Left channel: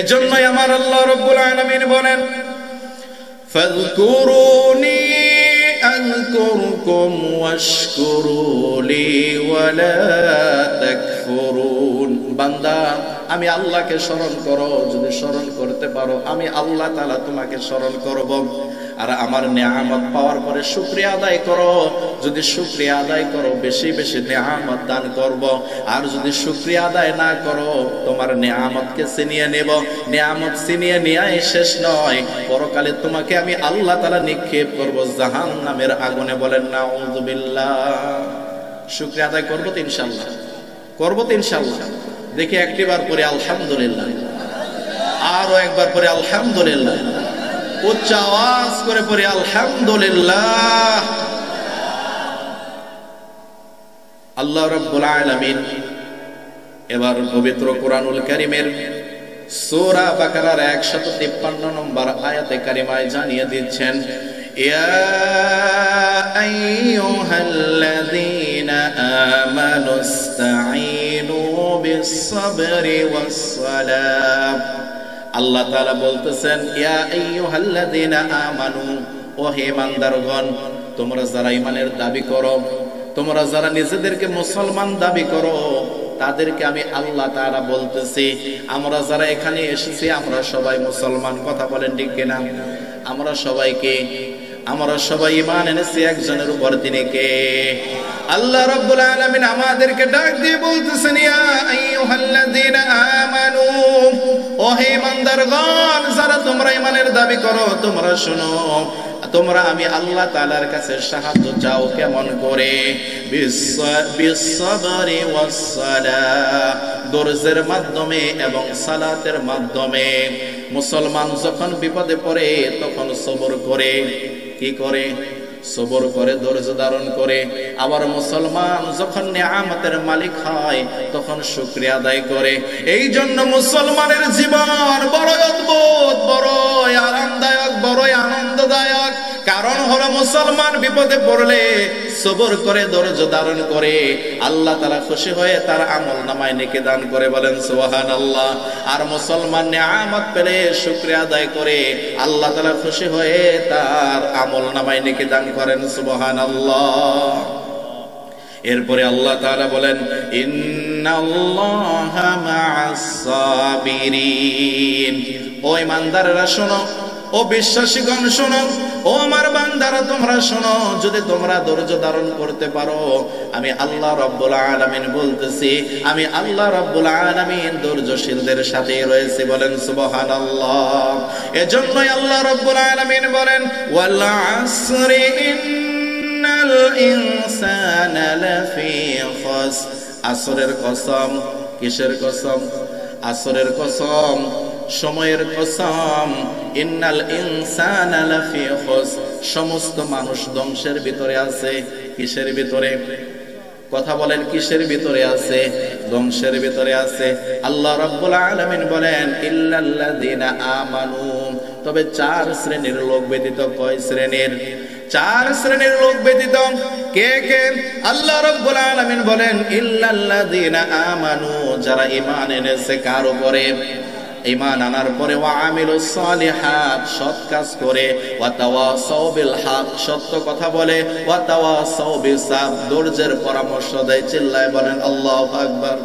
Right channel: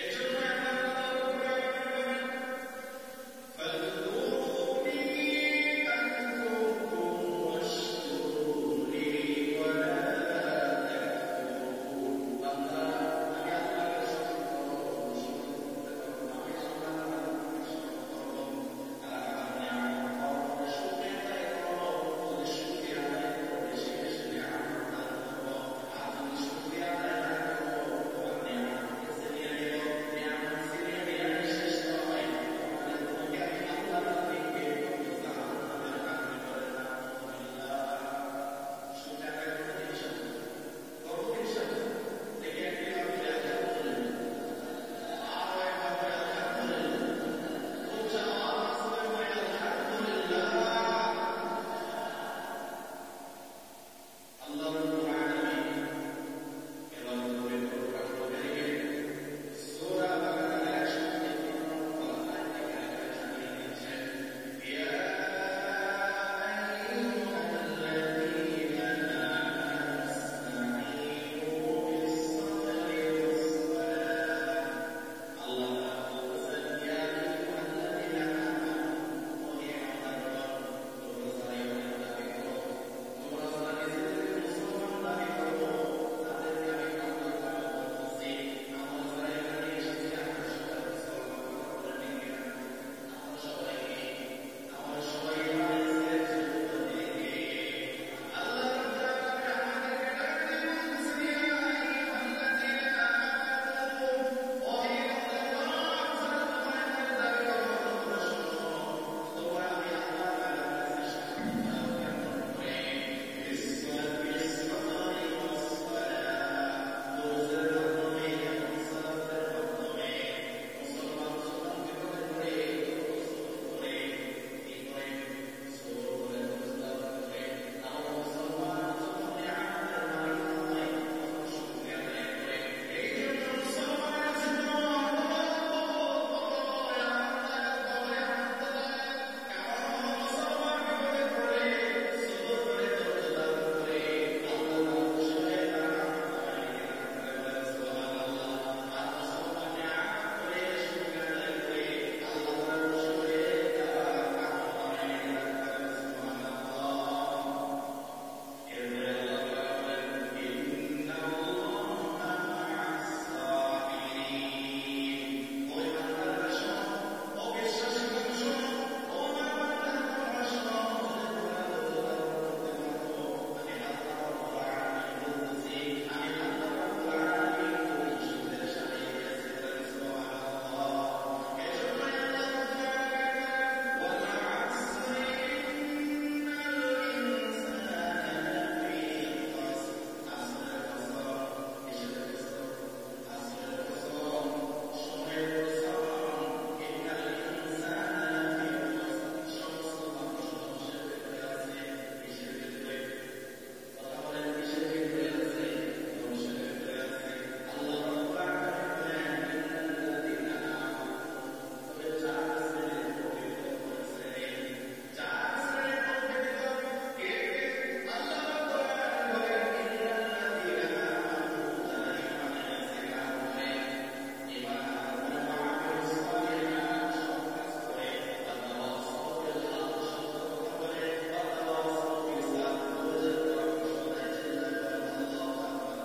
এজন্যই আমার আল্লাহ রাব্বুল আলামিন বলেন, ফাযকুরুনি আযকুরকুম ওয়াশকুরু লি ওয়ালা তাকফুরুন। বান্দা, আমি আল্লাহকে স্মরণ করো, যদি স্মরণ করতে পারো আমি আল্লাহ তাআলা তোমাকে স্মরণ করব। আর আমার নেয়ামত পাওয়ার পরে শুকরিয়া আদায় করো, যদি শুকরিয়া আদায় করো বেশি বেশি নেয়ামত দান করব। আর যদি শুকরিয়া আদায় না করো তোমার নেয়ামতকে ছিনিয়ে নেব। নেয়ামত ছিনিয়ে নেওয়াই শেষ নয়, পরকালে তোমাকে আমি আল্লাহ তাআলা নিক্ষেপ করব জাহান্নামের আগুনে। বলেন নাউযুবিল্লাহ। শুকরিয়া আদায় করব তো ইনশাআল্লাহ, করব তো ইনশাআল্লাহ। দেখি একটিবার পরে আলহামদুলিল্লাহ, আরো একবার পরে আলহামদুলিল্লাহ, উচ্চ আওয়াজ করে পড়ি আলহামদুলিল্লাহ। আল্লাহ রাব্বুল আলামিন এবার পবিত্র কোরআনুল কারীমের সূরা বাকারার 153 নম্বর আয়াতে কারিমায় জানিয়ে দিচ্ছেন, ইয়া আইয়ুহাল্লাযীনা আমানুস্তাঈনু বিস-সাবরি ওয়াস-সালাহ। আল্লাহ তাআলা বলতেছেন, ইয়া আইয়ুহাল্লাযীনা আমানু, ও হে ইমানদারগণ, তোমরা যারা ঈমানের দাবি করো, তোমরা যারা নিজেদেরকে মুসলমান দাবি করো, তাদেরকে আমি আল্লাহ তাআলা বলতেছি, আমরা যারা এখানে এসেছি আমরা সবাই মুসলমান। কথা বলেন ঠিক কিনা? আমরা সবাই ঈমান এনেছি একজনের উপর, তিনি কে? আল্লাহ রাব্বুল আলামিন আমাদেরকে ডাক দিয়ে বলতেছেন, ইয়া আইয়ুহাল্লাযীনা আমানু, ও হে ইমানদারগণ, যারা তোমরা ঈমানের দাবি করো, তোমরা শোনো, তোমরা আমি আল্লাহ তাআলার কাছে সাহায্য চাও। কেমন করে? বিস-সাবরি ওয়াস-সালাহ, ধৈর্যের মাধ্যমে এবং সালাতের মাধ্যমে। মুসলমান যখন বিপদে পড়ে তখন সবর করে। কি করে? সবর করে, ধৈর্য ধারণ করে। আবার মুসলমান যখন নিয়ামতের মালিক হয় তখন শুকরিয়া আদায় করে। এই জন্য মুসলমানের জীবন বড় অদ্ভুত, বড়ই আরামদায়ক, বড়ই আনন্দদায়ক। কারণ হলো মুসলমান বিপদে পড়লে সবর করে, ধৈর্য ধারণ করে, আল্লাহ তাআলা খুশি হয়ে তার আমলনামায় নেকি দান করে। বলেন সুবহানাল্লাহ। আর মুসলমান নিয়ামত পেলে শুকরিয়া আদায় করে, আল্লাহ তাআলা খুশি হয়ে তার আমলনামায় নেকি দান করেন। সুবহানাল্লাহ। এরপরে আল্লাহ তাআলা বলেন, ইন্নাল্লাহা মা'আস সাবিরিন। ও ঈমানদাররা শোনো, ও বিশ্বাসীগণ শোনো, ও আমার বান্দারা তোমরা শোনো, যদি তোমরা ধৈর্য ধারণ করতে পারো আমি আল্লাহ রাব্বুল আলামিন বলতেছি, আমি আল্লাহ রাব্বুল আলামিন ধৈর্যশীলদের সাথে রয়েছে। বলেন সুবহানাল্লাহ। এজন্যই আল্লাহ রাব্বুল আলামিন বলেন, ওয়াল আসরি ইন্নাল ইনসানা লাফি খুসর। আসরের কসম। কিসের কসম? আসরের কসম, সময়ের কসম। ইন্নাল ইনসানা লাফি খুসর, সমস্ত মানুষ ধ্বংসের ভিতরে আছে। কিসের ভিতরে? কথা বলেন, কিসের ভিতরে আছে? ধ্বংসের ভিতরে আছে। আল্লাহ রাব্বুল আলামিন বলেন, ইল্লাল্লাযীনা আমানু, তবে 4 শ্রেণীর লোক ব্যতীত। কয় শ্রেণীর? 4 শ্রেণীর লোক ব্যতীত। কে কে? আল্লাহ রাব্বুল আলামিন বলেন, ইল্লাল্লাযীনা আমানু, যারা ঈমান এনেছে। কার উপরে? ঈমান আনার পরে ওয়া আমিলুস সালিহাত, সৎ কাজ করে, ওয়া তাওয়াসাউ বিল হক, সত্য কথা বলে, ওয়া তাওয়াসাউ বিস সাবর, ধৈর্যের পরামর্শ দেয়। চিল্লায় বলেন আল্লাহু আকবার।